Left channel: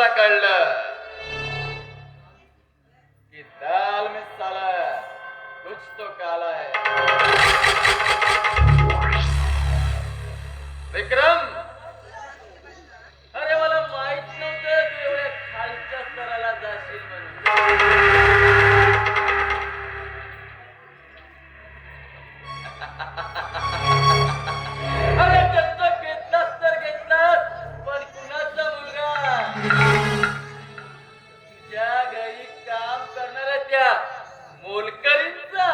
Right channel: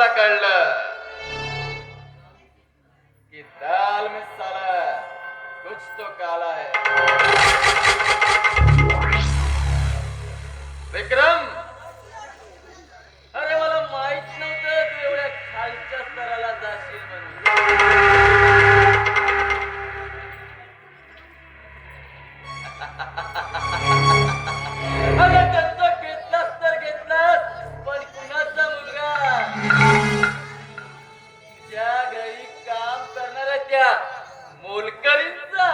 मला कळलं की दाल में साला कुछ तो काला है. विक्रम, अरे मला माहित नव्हतं तू एवढ्या खालच्या स्तराला जाशील म्हणून. अरे दत्तक घेतलास तर घेतलास, पण कुणाचा मुलगा? तुझ्या घरी काम करणाऱ्या त्या मोलकरींचा.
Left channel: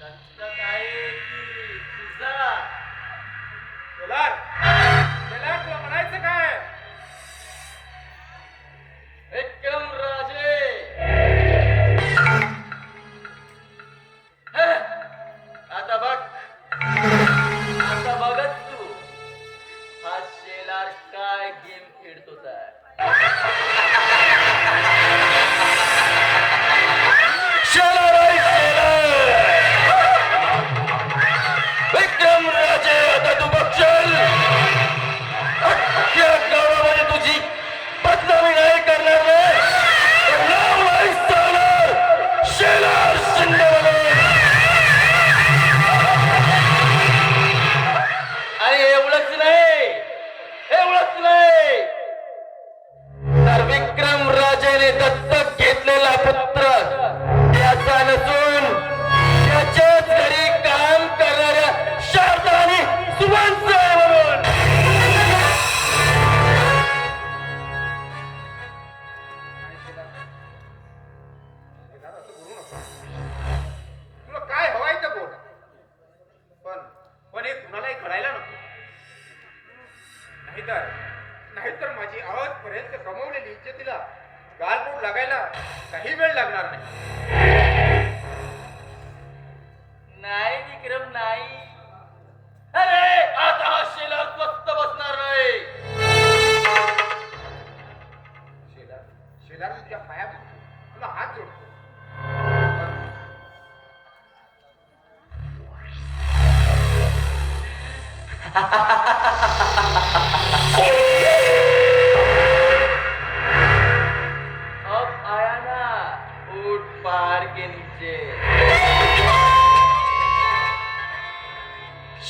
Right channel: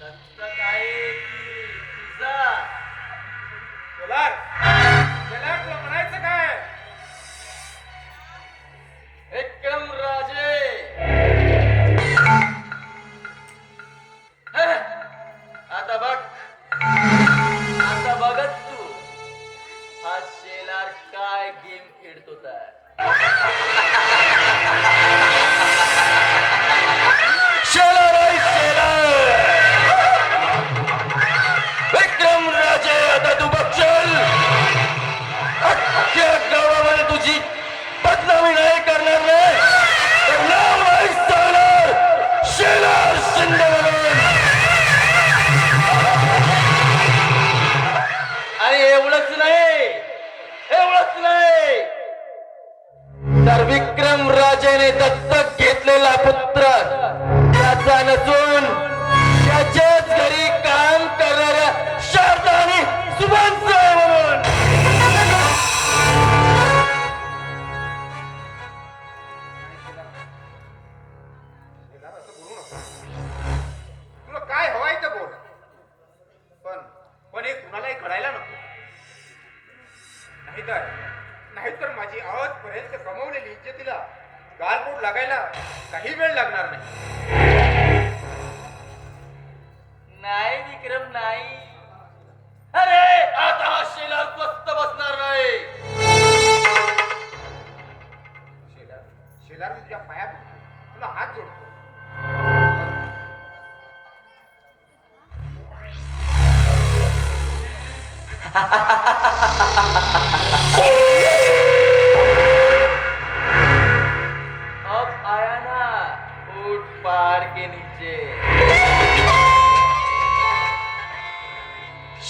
दत्तक आहे की तुझा? शेलार, शेलार तुला म्हणायचं काय? विक्रम राजे, हे, आता बघ, आता बघत तू हा शेलार काय गेम खेळतो तर. शेलार आहे शेलार. विक्रम राजे, आता तू बघशील अख्ख्या गावामध्ये तुझी बदनामी नाही करणार रे. तर नाव नाही सांगणार शेलार शिंदे म्हणून. आणि एवढंच नाही, एवढंच नाही, तर विक्रम राजेने दत्तक घेतलेला पुत्र त्याचा नसून त्याच्याच घरी काम करणाऱ्या शारदा आणि सुभानचा आहे म्हणून. शेलार, असं बोलू नका. तुला काय हवाय ते बोल. पण हे कुणालाही कळायला नको. नाहीतर माझी आजपर्यंत कमवलेली इज्जतीला गालबोट लागायला काही वेळ लागणार नाही. नाही विक्रम, नाही. अरे आता हा शेलार स्वस्त बसणार नाही. शेलार, शेलार तुझ्या पायात तुला हात जोडतो. अब आया ना ऊंट पहाड़ के नीचे.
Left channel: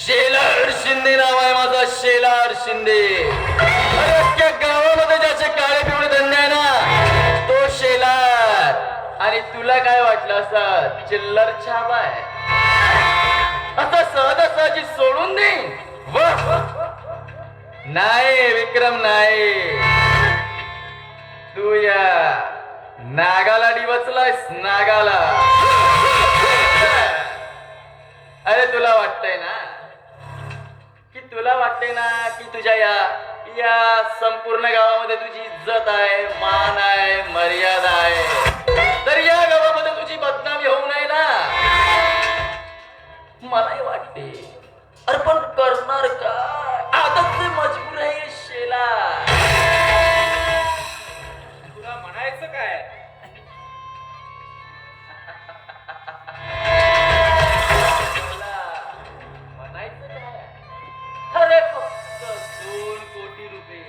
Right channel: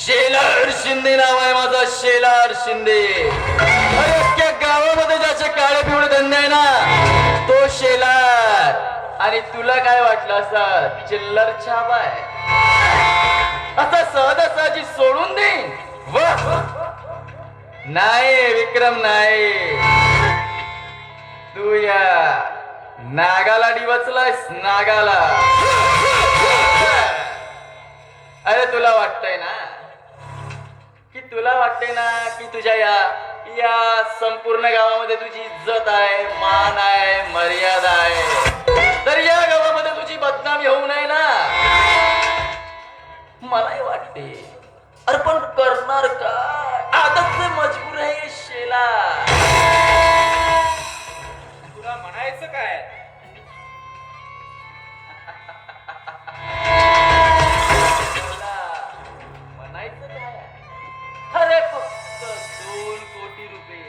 शेलार शिंदे नाव आहे माझा, शेलार शिंदे. अरे अख्ख्या गावामध्ये ज्याचे काळे पिवळे धंदे आहे ना, तो शेलार. आणि तुला काय वाटलं असं चिल्लर छाप आहे असा सहजासहजी सोडून दे? नाही विक्रम, नाही. तू या नागाला डिवचलायस, नागाला. अरे तुला वाटतंय ना की तुझ्या या संपूर्ण गावामध्ये तुझी इज्जत आहे, मान आहे, मर्यादा आहे, तर या गावामध्ये तुझी बदनामी होऊ नये ना. मलाही वाटते. अरे पण करणार का? आदत से मजबूर आहे शेला. तुला म्हणायचं काय? म्हणायचं काय? अरे फक्त 2 कोटी रुपये.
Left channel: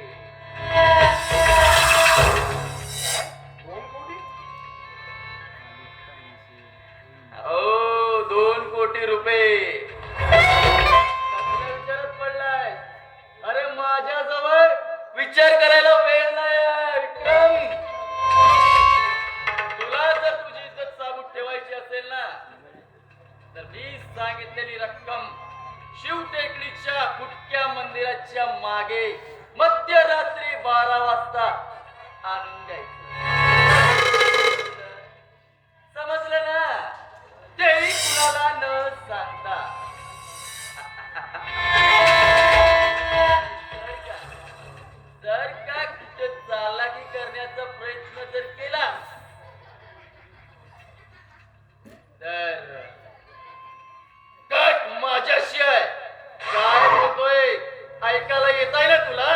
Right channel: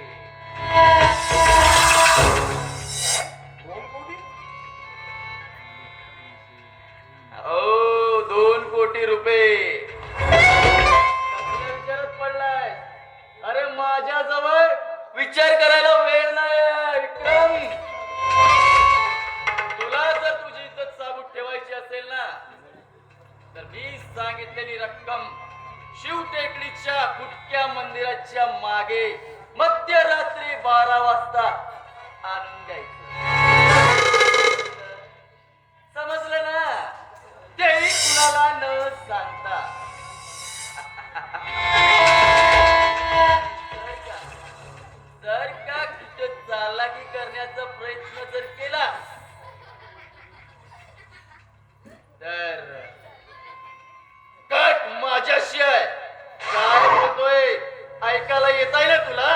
2 कोटी? हो, 2 कोटी रुपये. कसल्या विचारात पडलाय? अरे माझ्याजवळ विचार करायला वेळ नाही विक्रम. तुला जर तुझी इज्जत साबूत ठेवायची असेल ना, तर मी सांगितलेली रक्कम शिवटेकडीच्या फुटक्या मंदिराच्या मागे मध्यरात्री 12 वाजता आणून द्यायचं. समजलं ना? तेही कुणाला न सांगता. जर का कुठे चालाकी करण्याचा प्रयत्न जर केला तर कट माझ्याशी आहे. काय बोलतोय? ऐकायला येत आहे ना तुला?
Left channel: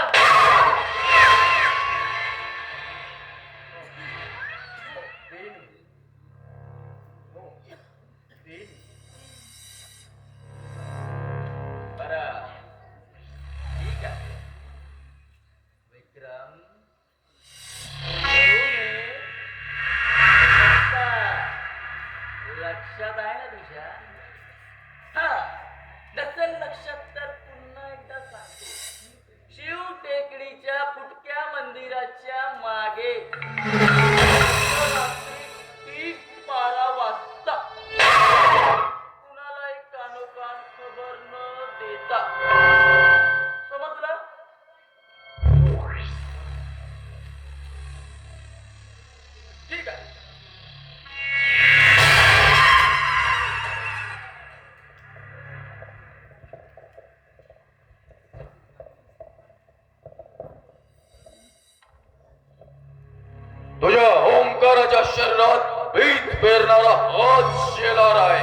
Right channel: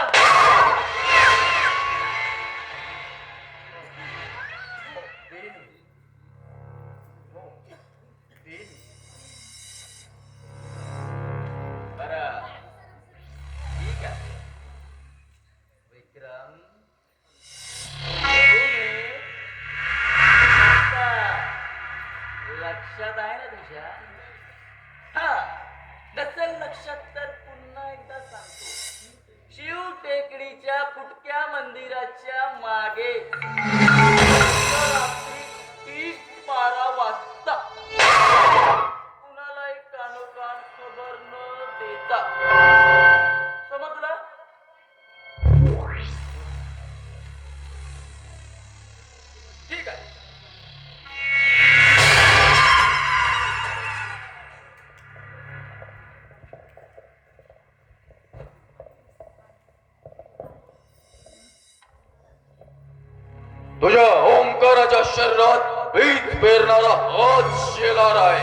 शरीरात पीठ पेरणारा हाच शेलार आहे.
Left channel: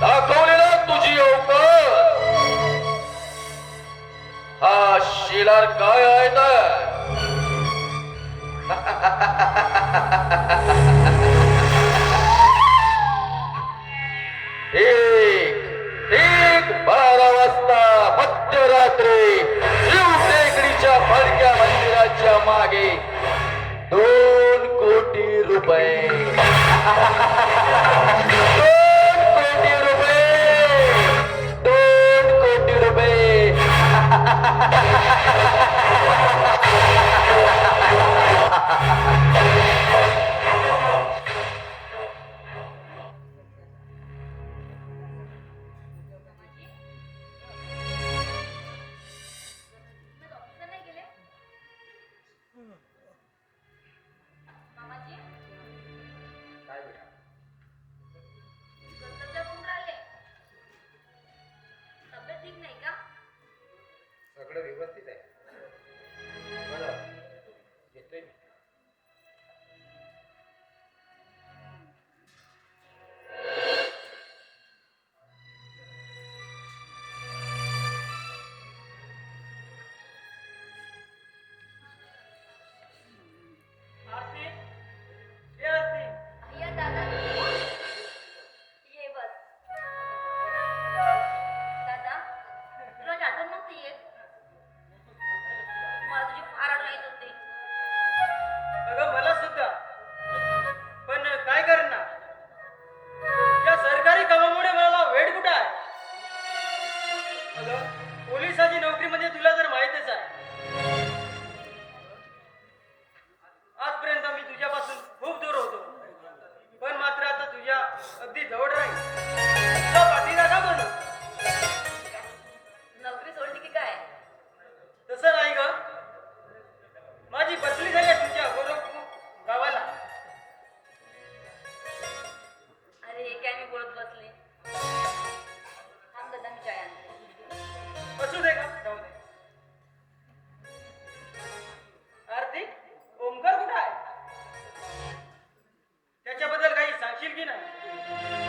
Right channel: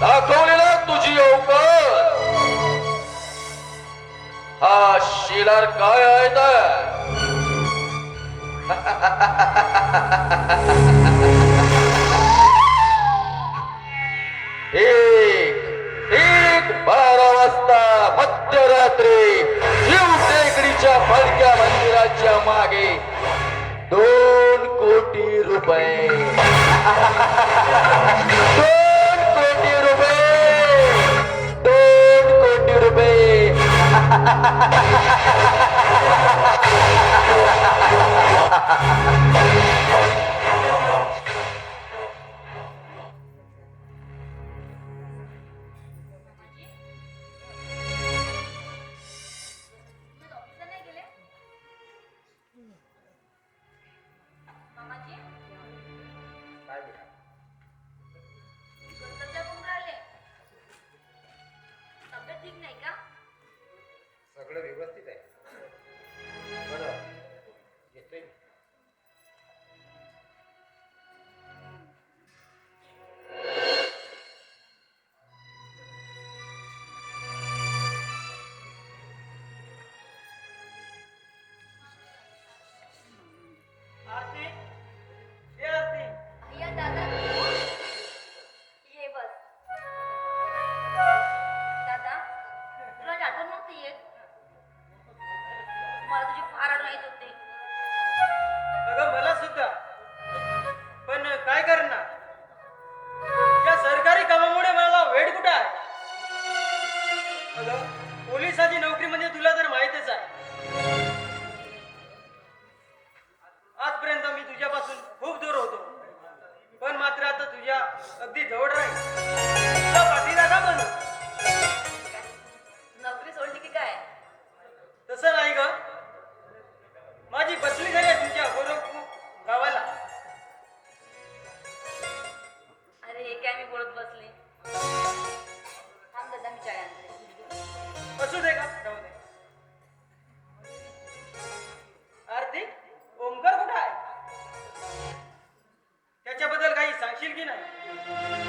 दाखवलेला तुझी अवकाश. हा शेलार काय आहे तर एक 12 वाजता मध्यरात्री शिव टेकडीच्या फडक्या मंदिराच्या मागे 2 कोटी रुपये. 2 कोटी रुपये. 2 कोटी रुपये. सगळं व्यवस्थित आहे. बरं घेतलंय. अगं मला सुद्धा. पण काय करणार, या सरकारी कामामुळे मला वेळ कुठे आहे. अगं पोलिसाची नोकरी म्हणजे तुला तर माहितच आहे. आजपर्यंत मी तुझ्यापासून खूप दूर होतो, पण मात्र आता तुझ्या अगदी जवळ राहील. तुला पाठीला का बनू? नोकरी सोडली की काय? तसं नाही ग, माझी बदली झाली आहे तुमच्या गोरखपूर गावाला. अरे हे काय मी बोलत बसले. थांब दादा, मी चाय आणते. असू दे का, जाऊ दे. आरती, ओमकार कुठं आहे? त्याच्याबद्दल काही सांगशील की नाही?